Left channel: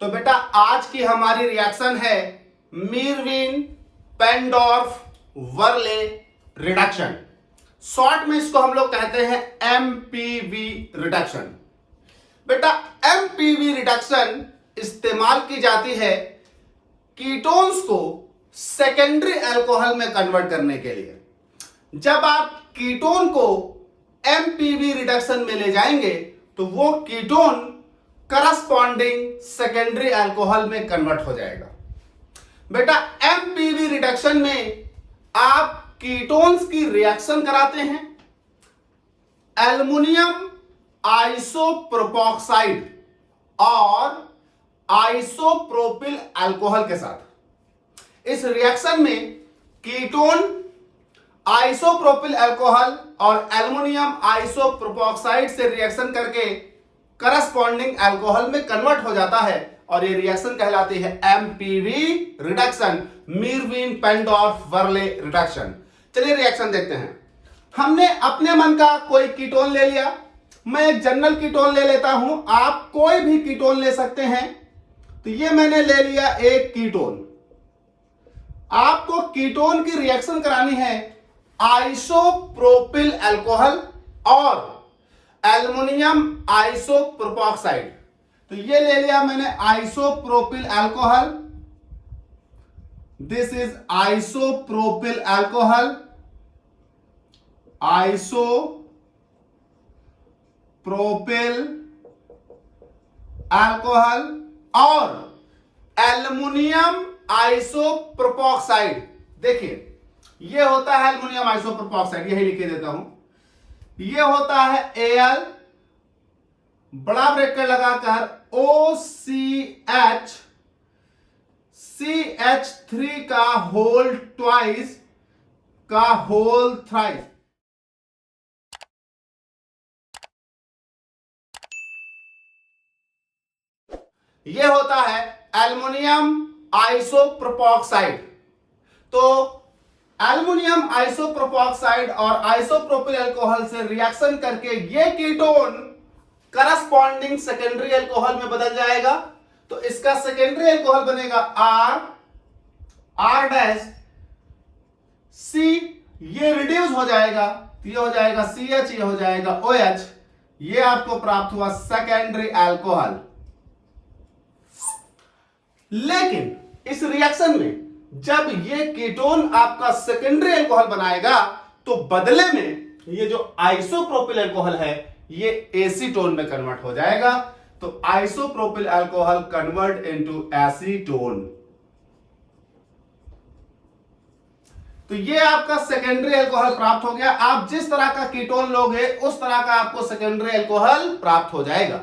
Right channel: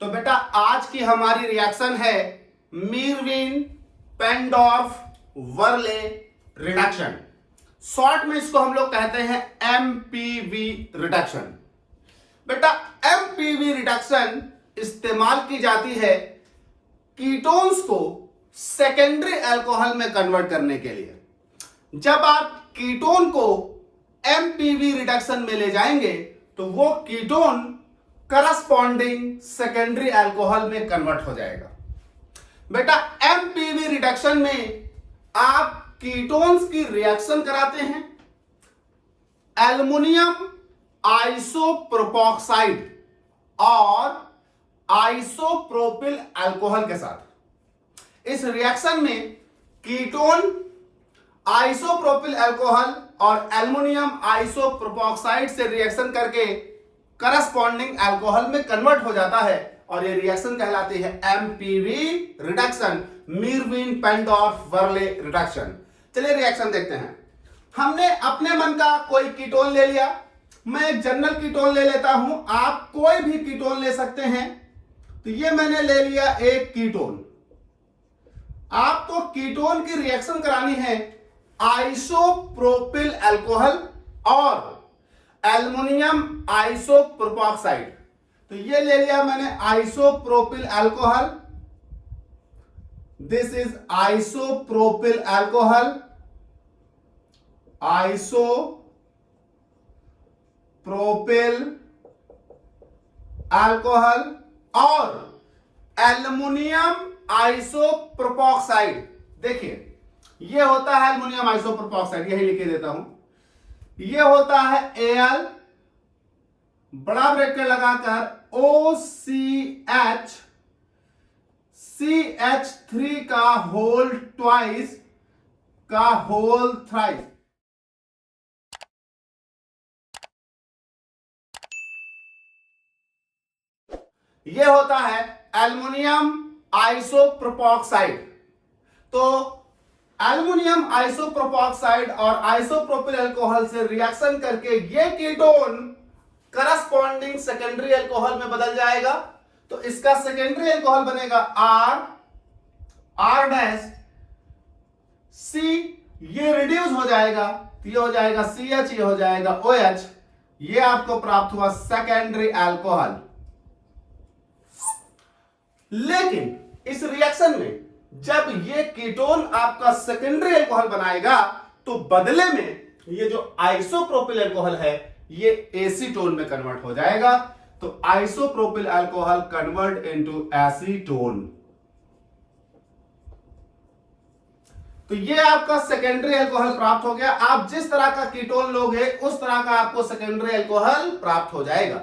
तो बेटा आज की हमारी रिएक्शन है मीरविन पेंडॉर्फ वर्ले रिडक्शन। शॉर्ट में इसको हम लोग कहते हैं एमपीवी रिडक्शन। बेटा एमपीवी रिडक्शन इस्तेमाल की जाती है कीटोन्स को सेकेंडरी अल्कोहल में कन्वर्ट करने के लिए। जब आप कीटोन को एमपीवी रिडक्शन में ले जाएंगे तो वो कीटोन करस्पॉन्डिंग सेकेंडरी अल्कोहल में कन्वर्ट हो जाएगा। बेटा एमपीवी रिडक्शन में आप कीटोन्स की रिएक्शन कराते हैं एल्युमिनियम आइसोप्रोपॉक्साइड और आइसोप्रोपिल अल्कोहल के साथ। इस रिएक्शन में कीटोन आइसोप्रोपिल अल्कोहल और एल्युमिनियम आइसोप्रोपॉक्साइड से रिएक्शन करके करस्पॉन्डिंग अल्कोहल में कन्वर्ट हो जाता है और ये रिएक्शन कहलाती है एमपीवी रिडक्शन, मीरविन पेंडॉर्फ वर्ले रिडक्शन। चलिए रिएक्शन देखते हैं। हमने अपने मन का कोई कीटोन ले लिया। मैं एक जनरल कीटोन ले लेता हूं, आप कोई भी कीटोन ले सकते हैं। तो ये मैंने ले लिया एक कीटोन। आपको कीटोन की रिएक्शन करानी है आइसोप्रोपिल अल्कोहल और एल्युमिनियम आइसोप्रोपॉक्साइड। तो ये ले लिया मैंने isopropyl alcohol. This is isopropyl alcohol, isopropyl alcohol और एल्युमिनियम आइसोप्रोपॉक्साइड। देखिए ये होता है एल्युमिनियम आइसोप्रोपॉक्साइड, यही लिख देता हूं। ये होता है Al, बड़ा ब्रैकेट लगाकर OCH CH3 का होल ट्वाइस का होल थ्राइस। ये होता है एल्युमिनियम आइसोप्रोपॉक्साइड। तो एल्युमिनियम आइसोप्रोपॉक्साइड और आइसोप्रोपिल अल्कोहल से रिएक्शन करके ये कीटोन करस्पॉन्डिंग सेकेंडरी अल्कोहल में बदल जाएगा। तो इसका सेकेंडरी अल्कोहल बनेगा R डैश C, ये रिड्यूस हो जाएगा तो ये हो जाएगा CH, ये हो जाएगा OH। ये आपको प्राप्त हुआ सेकेंडरी अल्कोहल। लेकिन इस रिएक्शन में जब ये कीटोन आपका सेकेंडरी अल्कोहल बनाएगा तो बदले में ये जो आइसोप्रोपिल अल्कोहल है ये एसीटोन में कन्वर्ट हो जाएगा। तो isopropyl alcohol convert into acetone. तो ये आपका सेकेंडरी अल्कोहल प्राप्त हो गया। आप जिस तरह का कीटोन लोगे उस तरह का आपको सेकेंडरी अल्कोहल प्राप्त हो जाएगा।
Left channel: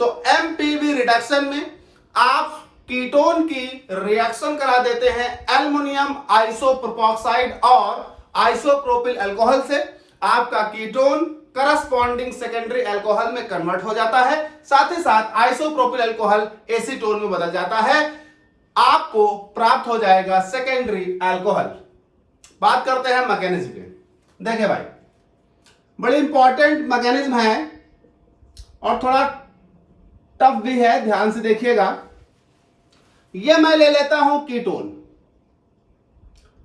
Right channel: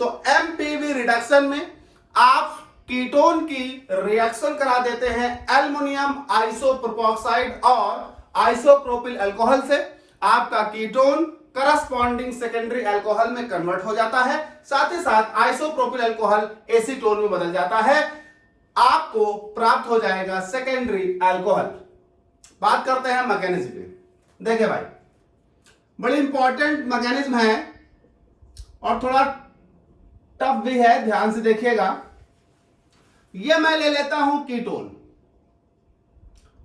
तो एमपीवी रिडक्शन में आप कीटोन की रिएक्शन करा देते हैं एल्युमिनियम आइसोप्रोपॉक्साइड और आइसोप्रोपिल अल्कोहल से। आपका कीटोन करस्पॉन्डिंग सेकेंडरी अल्कोहल में कन्वर्ट हो जाता है, साथ ही साथ आइसोप्रोपिल अल्कोहल एसीटोन में बदल जाता है। आपको प्राप्त हो जाएगा सेकेंडरी अल्कोहल। बात करते हैं मैकेनिज्म की। देखिए भाई, बड़ी इंपॉर्टेंट मैकेनिज्म है और थोड़ा टफ भी है, ध्यान से देखिएगा। ये मैं ले लेता हूं कीटोन,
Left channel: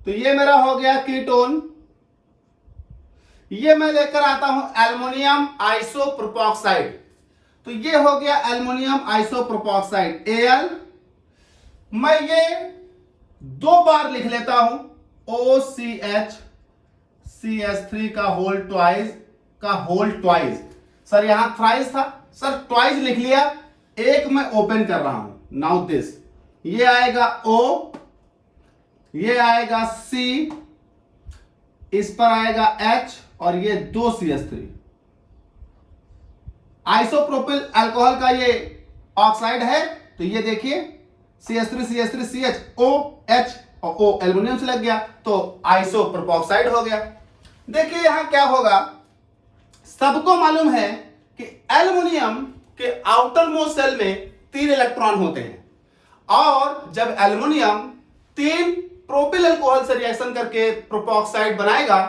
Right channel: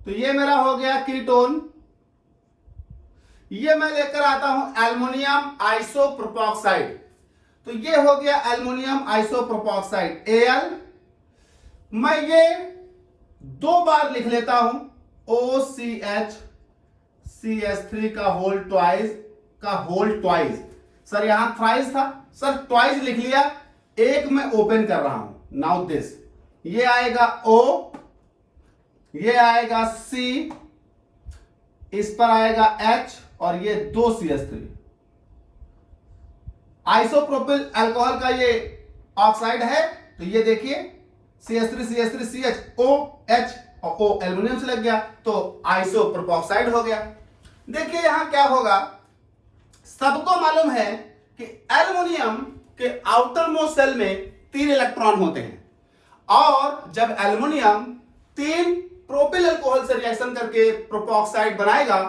तो ये मेरा हो गया कीटोन। ये मैं लेकर आता हूं एल्युमिनियम आइसोप्रोपॉक्साइड, तो ये हो गया एल्युमिनियम आइसोप्रोपॉक्साइड Al। मैं ये दो बार लिख लेता हूं OCH CH3 का होल ट्वाइस। सर यहां थ्राइस था, सर ट्वाइस लिख लिया। एक मैं ओपन कर रहा हूं। नाउ दिस, ये आएगा O, ये आएगा C, इस पर आएगा H और ये 2 CH3। आइसोप्रोपिल अल्कोहल का ये ऑक्साइड है, तो ये देखिए CH3 CH3 CH OH और O एल्युमिनियम से लग गया तो आइसोप्रोपॉक्साइड हो गया। देखिए यहां क्या होगा, सबको मालूम है कि एल्युमिनियम के आउटर मोस्ट सेल में 3 इलेक्ट्रॉन होते हैं और जब एल्युमिनियम 3 प्रोपिल अल्कोहल से रिएक्शन करके प्रोपॉक्साइड बनाएगा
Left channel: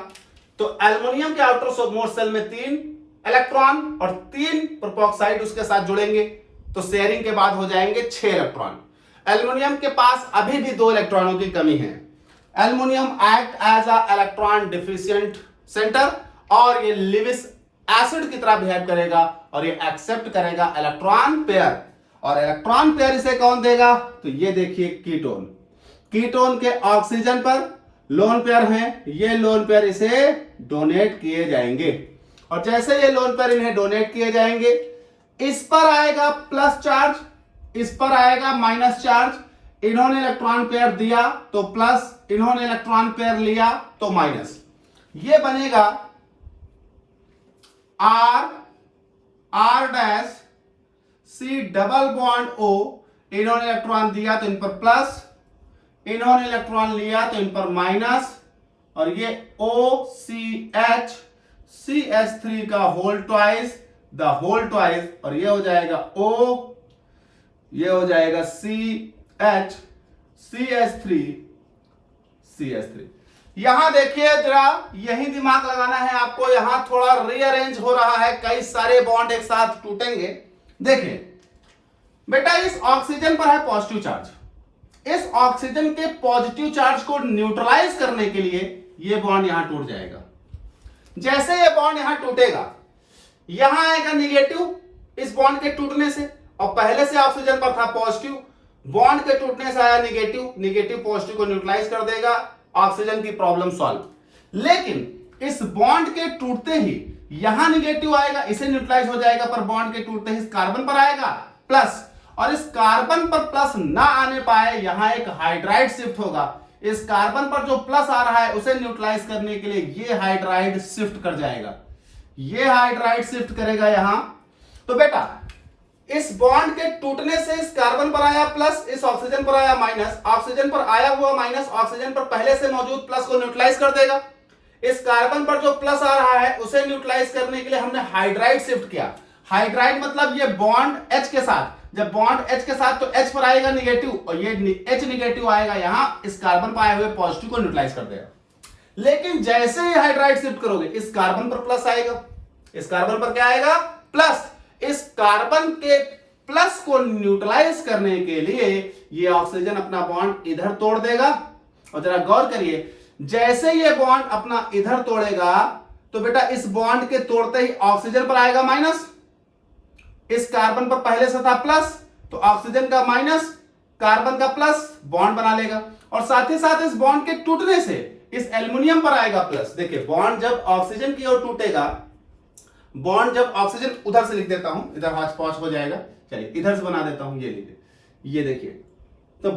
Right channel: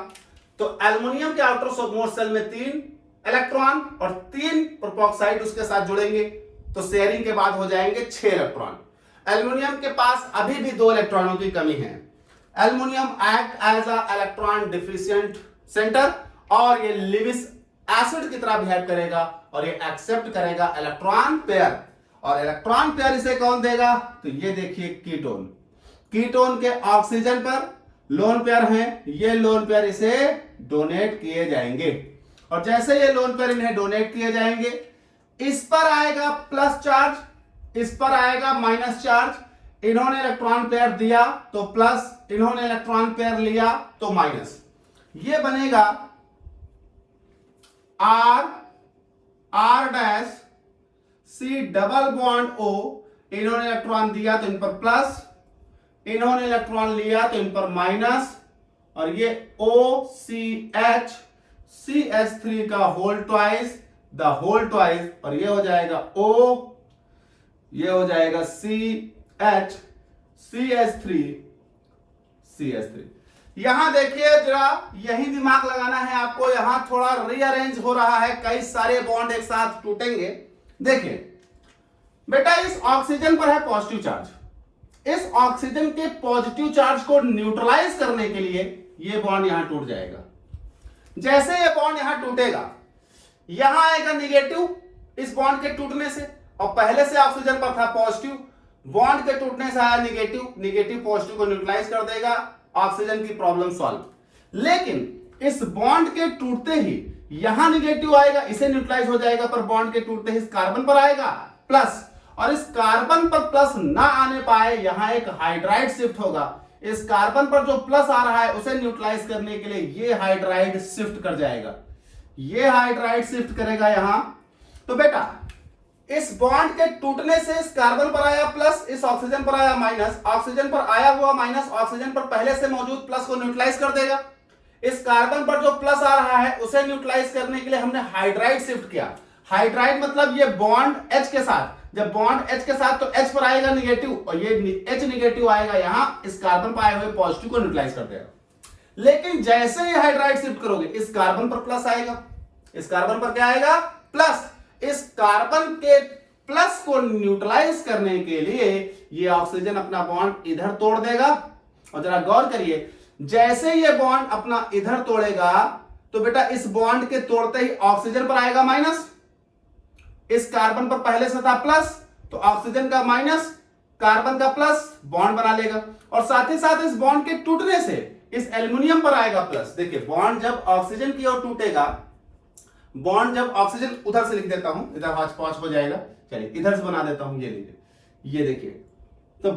तो एल्युमिनियम के आउटर मोस्ट सेल में 3 इलेक्ट्रॉन और 3 प्रोपॉक्साइड उसके साथ जुड़ेंगे। तो शेयरिंग के बाद हो जाएंगे 6 इलेक्ट्रॉन। एल्युमिनियम के पास अभी भी 2 इलेक्ट्रॉनों की कमी है। Aluminium act as a electron deficient centre, और ये लिविस एसिड की तरह बिहेव करेगा और ये एक्सेप्ट करेगा इलेक्ट्रॉन पेयर। और इलेक्ट्रॉन पेयर इसे कौन देगा? तो ये देखिए कीटोन। कीटोन के ऑक्सीजन पर लोन पेयर हैं, ये लोन पेयर इसे डोनेट किए जाएंगे। और जैसे ये लोन पेयर इन्हें डोनेट किए जाएंगे, इस पर आएगा प्लस चार्ज, इस पर आएगा माइनस चार्ज। इन्होंने इलेक्ट्रॉन पेयर दिया तो प्लस, इन्होंने इलेक्ट्रॉन पेयर लिया तो माइनस। ये बनेगा R dash C double bond O. इन्होंने इलेक्ट्रॉन दिया तो इन पर प्लस, इन्होंने इलेक्ट्रॉन लिया तो इन पर माइनस, और ये ओ सी एच CH3 का whole twice, the whole twice, और ये हो जाएगा O, ये हो जाएगा CH CH3। यहां देखिए जरा, यही दिमाग लगाना है आपको। यहां थोड़ा रीअरेंज हो रहा है, कई सारे बॉन्ड एक साथ टूटेंगे। देखिए बेटा, इस ऑक्सीजन पर है पॉजिटिव चार्ज, इस ऑक्सीजन के पॉजिटिव चार्ज को न्यूट्रलाइज करने के लिए ये बॉन्ड यहां टूट जाएगा। जैसे ये बॉन्ड यहां टूटेगा, यहां आएगा निगेटिव इस बॉन्ड के टूटने से, और पहले से ऑक्सीजन पर था पॉजिटिव, बॉन्ड के टूटने से आया निगेटिव, निगेटिव पॉजिटिव को न्यूट्रलाइज कर देगा, ऑक्सीजन की प्रॉब्लम सॉल्व। लेकिन इस बॉन्ड के टूटते ही यहां निगेटिव आएगा, इसे न्यूट्रलाइज हो जाएगा, पर बॉन्ड के टूटते ही इस कार्बन पर आएगा प्लस, और इस कार्बन पर प्लस ना आने पाए, यहां एक हाइड्राइड शिफ्ट होगा। इस कार्बन पर जो प्लस आ रहा है उसे न्यूट्रलाइज करने के लिए ये हाइड्राइड शिफ्ट कर जाएगा, ये हाइड्राइड शिफ्ट करेगा यहां। तो बेटा इस बॉन्ड के टूटने से इस कार्बन पर आया प्लस, इस ऑक्सीजन पर आया माइनस, ऑक्सीजन पर आया हुआ माइनस ऑक्सीजन पर पहले से मौजूद प्लस को न्यूट्रलाइज कर देगा। इस कार्बन पर जो प्लस आ रहा है उसे न्यूट्रलाइज करने के लिए हमने हाइड्राइड शिफ्ट किया। हाइड्राइड मतलब ये बॉन्ड H के साथ, जब बॉन्ड H के साथ तो H पर आएगा निगेटिव, और ये H निगेटिव आएगा यहां, इस कार्बन पर आए हुए पॉजिटिव को न्यूट्रलाइज कर देगा। लेकिन जैसे ये हाइड्राइड शिफ्ट करोगे, इस कार्बन पर प्लस आएगा, इस कार्बन पर क्या आएगा? प्लस। इस कार्बन के प्लस को न्यूट्रलाइज करने के लिए ये ऑक्सीजन अपना बॉन्ड इधर तोड़ देगा। और जरा गौर करिए, जैसे ये बॉन्ड अपना इधर तोड़ेगा तो बेटा इस बॉन्ड के तोड़ते ही ऑक्सीजन पर आएगा माइनस, इस कार्बन पर पहले से था प्लस, तो ऑक्सीजन का माइनस, कार्बन का प्लस, बॉन्ड बना लेगा। और साथ ही साथ इस बॉन्ड के टूटने से इस एल्युमिनियम पर आएगा प्लस। देखिए बॉन्ड जब ऑक्सीजन की ओर टूटेगा, बॉन्ड जब ऑक्सीजन, उधर से लिख देता हूं, इधर हाथ पॉज हो जाएगा, चलिए इधर से बना देता हूं, ये लीजिए, ये देखिए। तो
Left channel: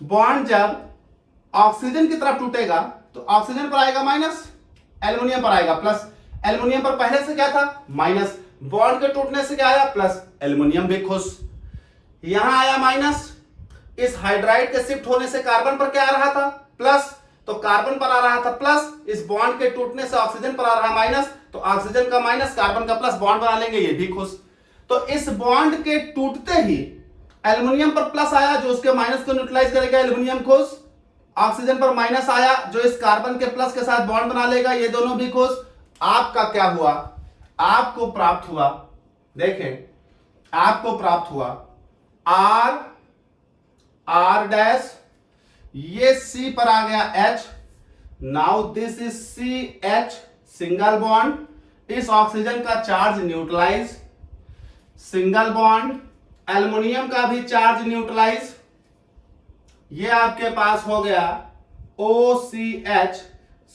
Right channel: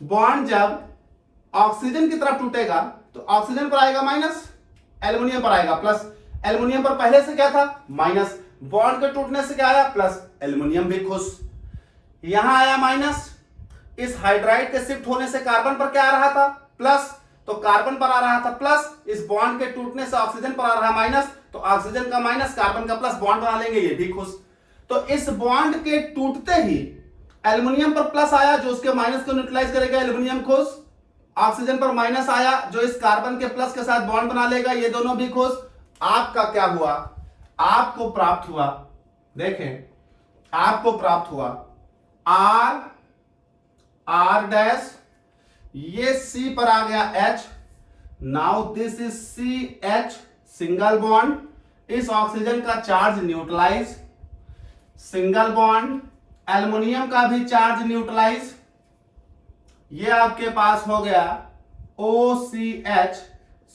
बॉन्ड जब ऑक्सीजन की तरफ टूटेगा तो ऑक्सीजन पर आएगा माइनस, एल्युमिनियम पर आएगा प्लस। एल्युमिनियम पर पहले से क्या था? माइनस। बॉन्ड के टूटने से क्या आया? प्लस। एल्युमिनियम भी खुश। यहां आया माइनस, इस हाइड्राइड के शिफ्ट होने से कार्बन पर क्या आ रहा था? प्लस, तो कार्बन पर आ रहा था प्लस, इस बॉन्ड के टूटने से ऑक्सीजन पर आ रहा माइनस, तो ऑक्सीजन का माइनस, कार्बन का प्लस, बॉन्ड बना लेंगे, ये भी खुश। तो इस बॉन्ड के टूटते ही एल्युमिनियम पर प्लस आया जो उसके माइनस को न्यूट्रलाइज करेगा, एल्युमिनियम खुश। ऑक्सीजन पर माइनस आया जो इस कार्बन के प्लस के साथ बॉन्ड बना लेगा, ये दोनों भी खुश। आपका क्या हुआ? आपको प्राप्त हुआ, देखें, आपको प्राप्त हुआ आर डैश, ये C पर आ गया H, now this is CH, single bond, इस ऑक्सीजन का charge neutralise, single bond, aluminium का भी चार्ज न्यूट्रलाइज, ये आपके पास हो गया OCH,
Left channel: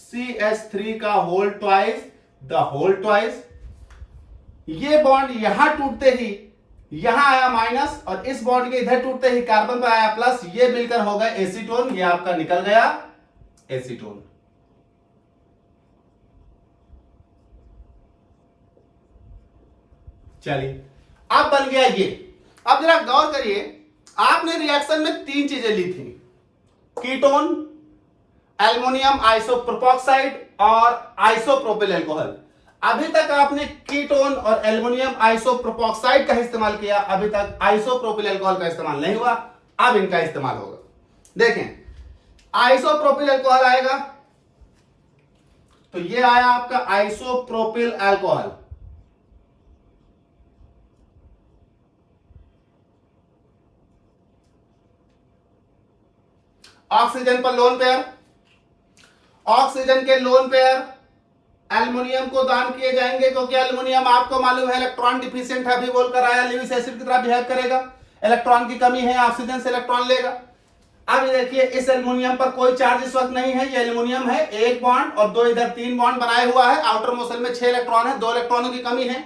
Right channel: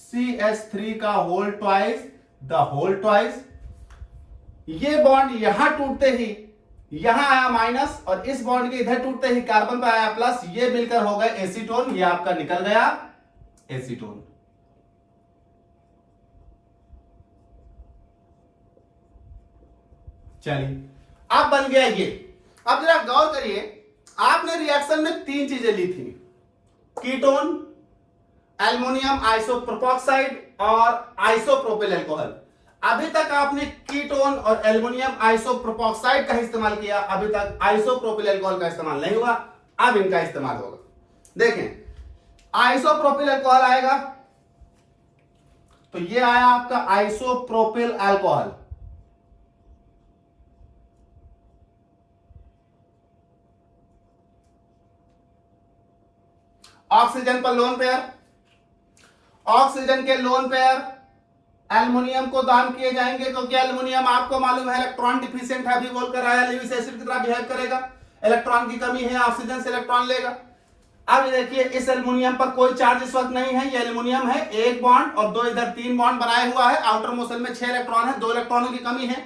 CH3 का whole twice, the whole twice. ये बॉन्ड यहां टूटते ही यहां आया माइनस, और इस बॉन्ड के इधर टूटते ही कार्बन पर आया प्लस, ये मिलकर हो गया एसीटोन, ये आपका निकल गया एसीटोन। चलिए अब बन गया ये। अब जरा गौर करिए, आपने रिएक्शन में 3 चीजें ली थी, कीटोन, एल्युमिनियम आइसोप्रोपॉक्साइड और आइसोप्रोपिल अल्कोहल। अभी तक आपने कीटोन और एल्युमिनियम आइसोप्रोपॉक्साइड का इस्तेमाल किया, अभी तक आइसोप्रोपिल अल्कोहल का इस्तेमाल नहीं हुआ, अब इनका इस्तेमाल होगा। देखें, आइसोप्रोपिल अल्कोहल आएगा तो ये आया आपका आइसोप्रोपिल अल्कोहल, ऑक्सीजन पर लोन पेयर, ऑक्सीजन के लोन पेयर एल्युमिनियम को दान किए जाएंगे, क्योंकि एल्युमिनियम आपको मालूम है इलेक्ट्रॉन डिफिशिएंट है, अभी बोलकर आया, लेविस एसिड की तरह बिहेव करेगा, इलेक्ट्रॉन की कमी है, ऑक्सीजन से इलेक्ट्रॉन लेगा। अब देखिए इस एल्युमिनियम पर कोई चार्ज इस वक्त नहीं है, ये एल्युमिनियम है, एक बॉन्ड और दो इधर तीन बॉन्ड बनाए हुआ है, आउटर मोशन में 6 इलेक्ट्रॉन है, 2 इलेक्ट्रॉनों की कमी है,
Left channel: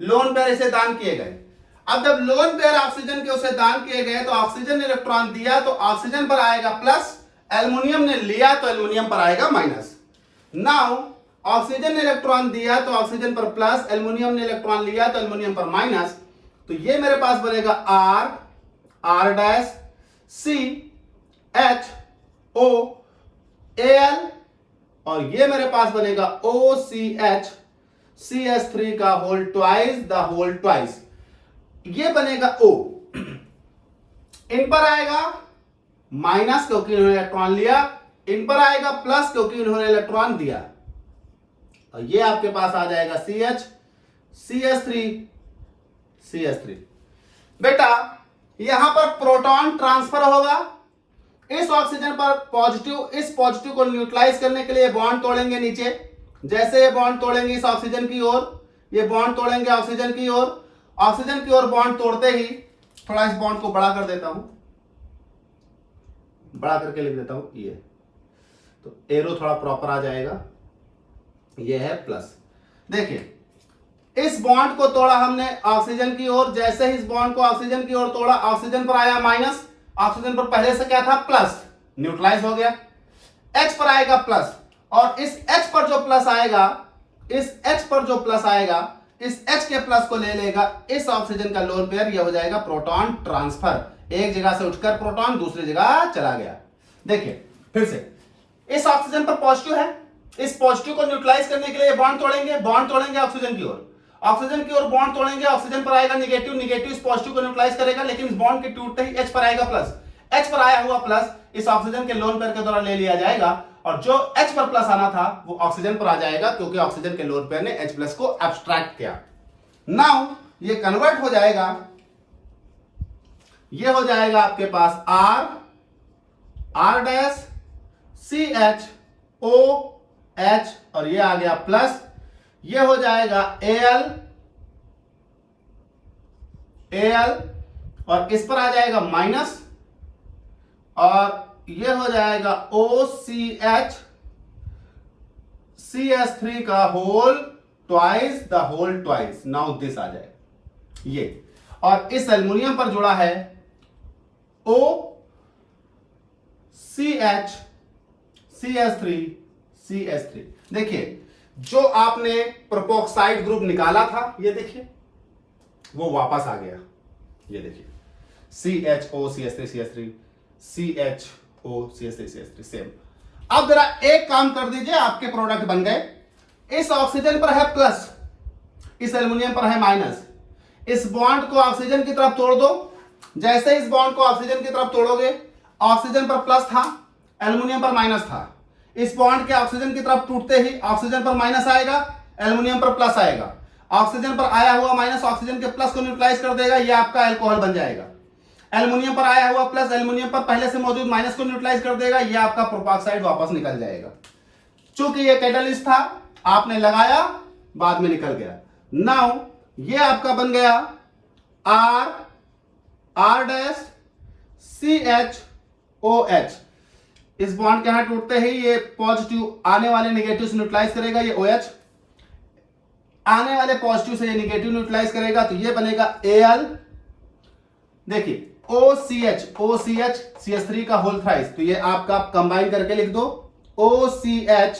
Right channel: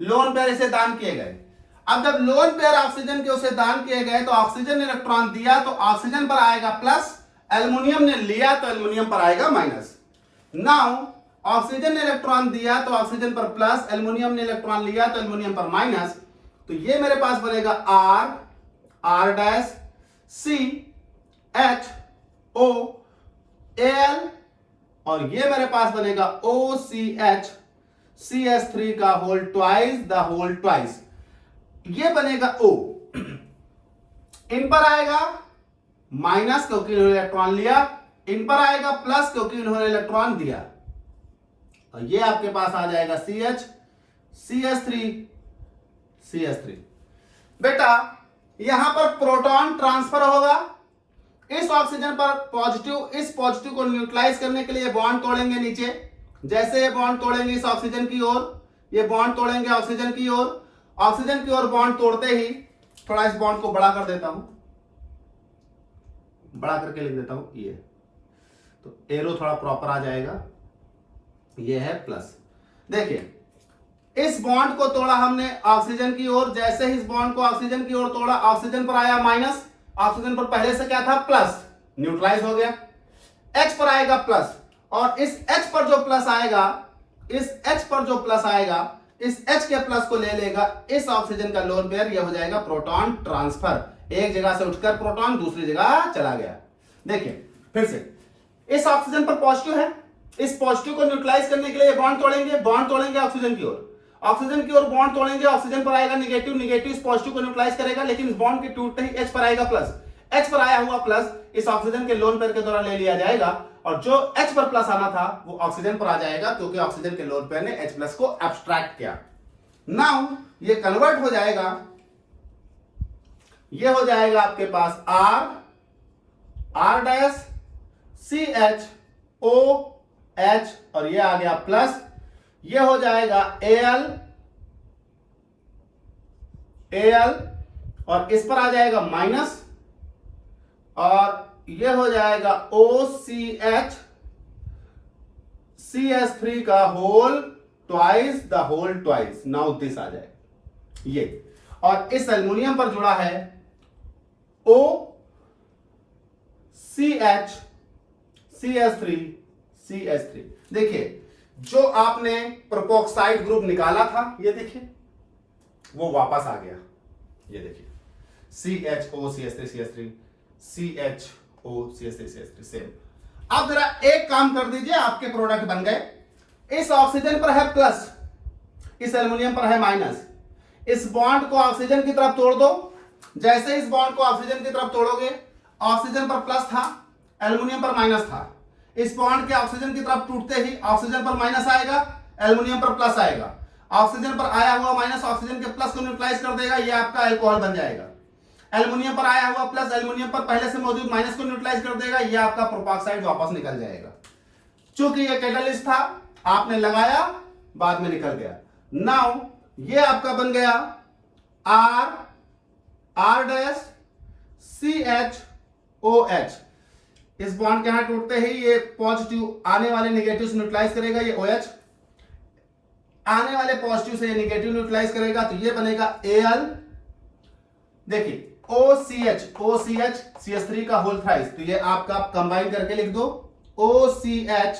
लोन पेयर इसे दान किए गए। अब जब लोन पेयर ऑक्सीजन के उसे दान किए गए तो ऑक्सीजन ने इलेक्ट्रॉन दिया तो ऑक्सीजन पर आएगा प्लस, एल्युमिनियम ने लिया तो एल्युमिनियम पर आएगा माइनस। नाउ ऑक्सीजन ने इलेक्ट्रॉन दिया तो ऑक्सीजन पर प्लस, एल्युमिनियम ने इलेक्ट्रॉन लिया तो एल्युमिनियम पर माइनस, तो ये मेरे पास बनेगा R, R dash, C H O L, और ये मेरे पास बनेगा ओ सी एच सी एस 3 का whole twice, the whole twice, ये बनेगा ओ। इन पर आएगा माइनस क्योंकि इन्होंने इलेक्ट्रॉन लिया, इन पर आएगा प्लस क्योंकि इन्होंने इलेक्ट्रॉन दिया, और ये आपके पास आ जाएगा सी एच सी एस 3 बेटा यहां पर प्रोटॉन ट्रांसफर होगा, इस ऑक्सीजन पर पॉजिटिव, इस पॉजिटिव को न्यूट्रलाइज करने के लिए बॉन्ड तोड़ेंगे नीचे, जैसे ये बॉन्ड तोड़ेंगे इस ऑक्सीजन की ओर, ये बॉन्ड तोड़ेंगे ऑक्सीजन की ओर, ऑक्सीजन की ओर बॉन्ड तोड़ते ही, थोड़ा इस बॉन्ड को बड़ा कर देता हूं, बड़ा करके लिख देता हूं ये, तो एरो थोड़ा प्रॉपर आ जाएगा, ये है प्लस। देखिए इस बॉन्ड को तोड़ा हमने ऑक्सीजन की ओर, जैसे ही इस बॉन्ड को ऑक्सीजन की ओर तोड़ा, ऑक्सीजन पर आया माइनस, ऑक्सीजन पर पहले से क्या था प्लस, न्यूट्रलाइज हो गया, H पर आएगा प्लस, और इस H पर जो प्लस आएगा, इस H पर जो प्लस आएगा, इस H के प्लस को ले लेगा इस ऑक्सीजन का लोन पेयर, यह हो जाएगा प्रोटॉन ट्रांसफर, एक जगह से उठकर प्रोटॉन दूसरी जगह चला गया। देखिए फिर से इस ऑक्सीजन पर पॉजिटिव है, इस पॉजिटिव को न्यूट्रलाइज करने के लिए बॉन्ड तोड़ेंगे ऑक्सीजन की ओर, ऑक्सीजन की ओर बॉन्ड तोड़ेंगे, ऑक्सीजन पर आएगा निगेटिव, निगेटिव इस पॉजिटिव को न्यूट्रलाइज करेगा, लेकिन इस बॉन्ड के टूटते ही H पर आएगा प्लस, H पर आया हुआ प्लस इस ऑक्सीजन के लोन पेयर के द्वारा ले लिया जाएगा, और जो H पर प्लस आना था वो ऑक्सीजन पर आ जाएगा, क्योंकि ऑक्सीजन के लोन पेयर ने H प्लस को एब्स्ट्रैक्ट किया। नाउ ये कन्वर्ट हो जाएगा, ये हो जाएगा आपके पास R, R dash, CH O H, और ये आ गया प्लस, ये हो जाएगा Al, और इस पर आ जाएगा माइनस, और ये हो जाएगा OCH CS3 का whole twice, the whole twice, now this आ जाए ये, और इस एल्युमिनियम पर जुड़ा है OCH CS3। देखिए जो आपने प्रोपोक्साइड ग्रुप निकाला था, ये देखिए वो वापस आ गया, ये देखिए CHO CS3 CHO CS3 same. अब जरा एक काम कर दीजिए, आपके प्रोडक्ट बन गए, इस ऑक्सीजन पर है प्लस, इस एल्युमिनियम पर है माइनस, इस बॉन्ड को ऑक्सीजन की तरफ तोड़ दो, जैसे इस बॉन्ड को ऑक्सीजन की तरफ तोड़ोगे, ऑक्सीजन पर प्लस था, एल्युमिनियम पर माइनस था, इस बॉन्ड के ऑक्सीजन की तरफ टूटते ही ऑक्सीजन पर माइनस आएगा, एल्युमिनियम पर प्लस आएगा, ऑक्सीजन पर आया हुआ माइनस ऑक्सीजन के प्लस को न्यूट्रलाइज कर देगा, यह आपका अल्कोहल बन जाएगा। एल्युमिनियम पर आया हुआ प्लस एल्युमिनियम पर पहले से मौजूद माइनस को न्यूट्रलाइज कर देगा, यह आपका प्रोपॉक्साइड वापस निकल जाएगा। चूंकि यह कैटलिस्ट था, आपने लगाया, बाद में निकल गया। नाउ ये आपका बन गया R डैश CHOH, इस बॉन्ड के यहां टूटते ही ये पॉजिटिव आने वाले नेगेटिव से न्यूट्रलाइज करेगा, ये OH आने वाले पॉजिटिव से ये नेगेटिव न्यूट्रलाइज करेगा, तो ये बनेगा Al। देखिए OCH CS3 का होल थ्राइस, तो ये आपका कंबाइन करके लिख दो OCH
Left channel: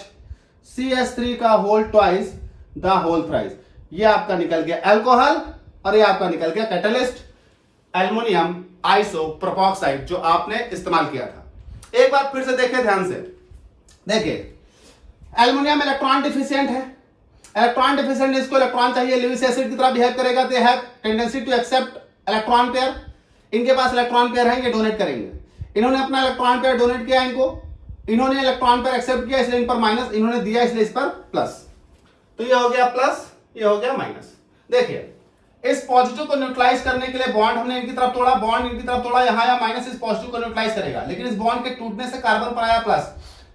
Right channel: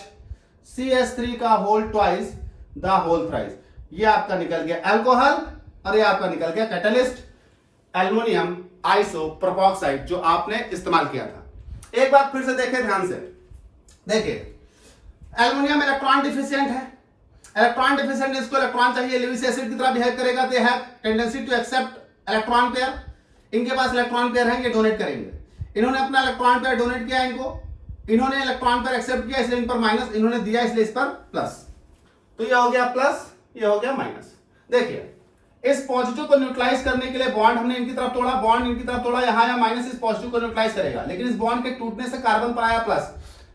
CS3 का whole twice, the whole thrice, ये आपका निकल गया अल्कोहल, और ये आपका निकल गया कैटलिस्ट एल्युमिनियम आइसोप्रोपोक्साइड, जो आपने इस्तेमाल किया था। एक बात फिर से देखिए ध्यान से, देखिए एल्युमिनियम इलेक्ट्रॉन डिफिशिएंट है, इलेक्ट्रॉन डिफिशिएंट, इसको इलेक्ट्रॉन चाहिए, लेविस एसिड की तरह बिहेव करेगा, they have tendency to accept electron pair, इनके पास इलेक्ट्रॉन पेयर है, ये डोनेट करेंगे, इन्होंने अपना इलेक्ट्रॉन पेयर डोनेट किया, इनको इन्होंने इलेक्ट्रॉन पेयर एक्सेप्ट किया, इसलिए इन पर माइनस, इन्होंने दिया इसलिए इस पर प्लस, तो ये हो गया प्लस, ये हो गया माइनस। देखिए इस पॉजिटिव को न्यूट्रलाइज करने के लिए बॉन्ड हमने इनकी तरफ तोड़ा, बॉन्ड इनकी तरफ तोड़ा, यहां आया माइनस, इस पॉजिटिव को न्यूट्रलाइज करेगा। लेकिन इस बॉन्ड के टूटने से कार्बन पर आया प्लस,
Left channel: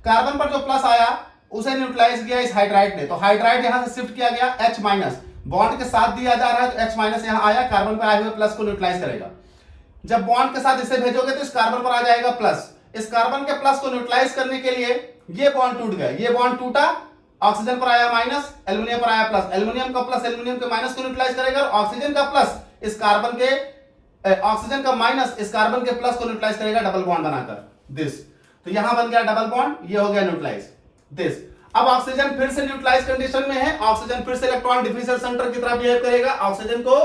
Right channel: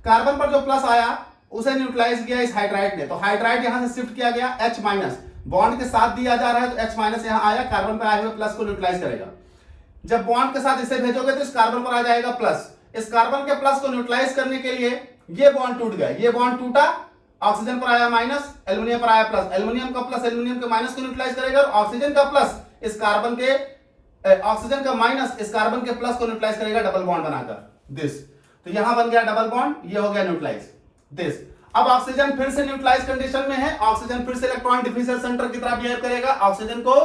कार्बन पर जो प्लस आया उसे न्यूट्रलाइज किया इस हाइड्राइड ने, तो हाइड्राइड यहां से शिफ्ट किया गया H माइनस, बॉन्ड के साथ दिया जा रहा है तो H माइनस यहां आया, कार्बन पर आए हुए प्लस को न्यूट्रलाइज करेगा। जब बॉन्ड के साथ इसे भेजोगे तो इस कार्बन पर आ जाएगा प्लस, इस कार्बन के प्लस को न्यूट्रलाइज करने के लिए ये बॉन्ड टूट गया, ये बॉन्ड टूटा, ऑक्सीजन पर आया माइनस, एल्युमिनियम पर आया प्लस, एल्युमिनियम का प्लस एल्युमिनियम के माइनस को न्यूट्रलाइज करेगा और ऑक्सीजन का प्लस इस कार्बन के ऑक्सीजन का माइनस इस कार्बन के प्लस को न्यूट्रलाइज करेगा डबल बॉन्ड बनाकर दिस। तो यहां बन गया डबल बॉन्ड, ये हो गया न्यूट्रलाइज दिस। अब ऑक्सीजन फिर से न्यूट्रलाइज कंडीशन में है, ऑक्सीजन फिर से इलेक्ट्रॉन डिफ्यूजन सेंटर की तरह बिहेव करेगा, ऑक्सीजन को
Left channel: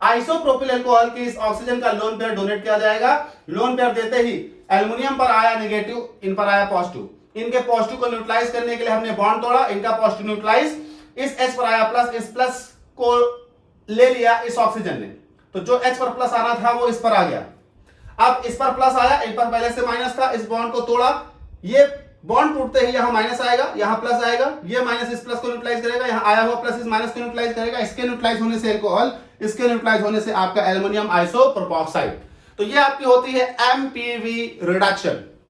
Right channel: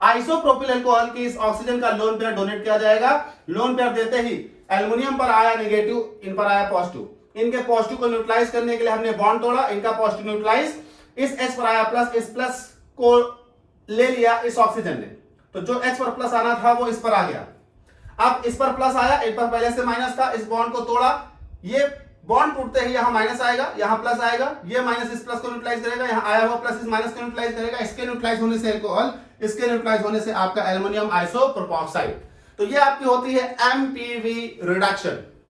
आइसोप्रोपिल अल्कोहल की इस ऑक्सीजन का लोन पेयर डोनेट किया जाएगा। लोन पेयर देते ही एल्युमिनियम पर आया नेगेटिव, इन पर आया पॉजिटिव, इनके पॉजिटिव को न्यूट्रलाइज करने के लिए हमने बॉन्ड तोड़ा, इनका पॉजिटिव न्यूट्रलाइज, इस H पर आया प्लस, इस प्लस को ले लिया इस ऑक्सीजन ने, तो जो H पर प्लस आना था वो इस पर आ गया। अब इस पर प्लस आया, इन पर पहले से माइनस था, इस बॉन्ड को तोड़ा, ये बॉन्ड टूटते ही यहां माइनस आएगा, यहां प्लस आएगा, ये माइनस इस प्लस को न्यूट्रलाइज करेगा, यहां आया हुआ प्लस इस माइनस को न्यूट्रलाइज करेगा, इसके न्यूट्रलाइज होने से अल्कोहल, इसके न्यूट्रलाइज होने से आपका एल्युमिनियम आइसोप्रोपॉक्साइड। तो ये आपकी होती है MPV रिडक्शन।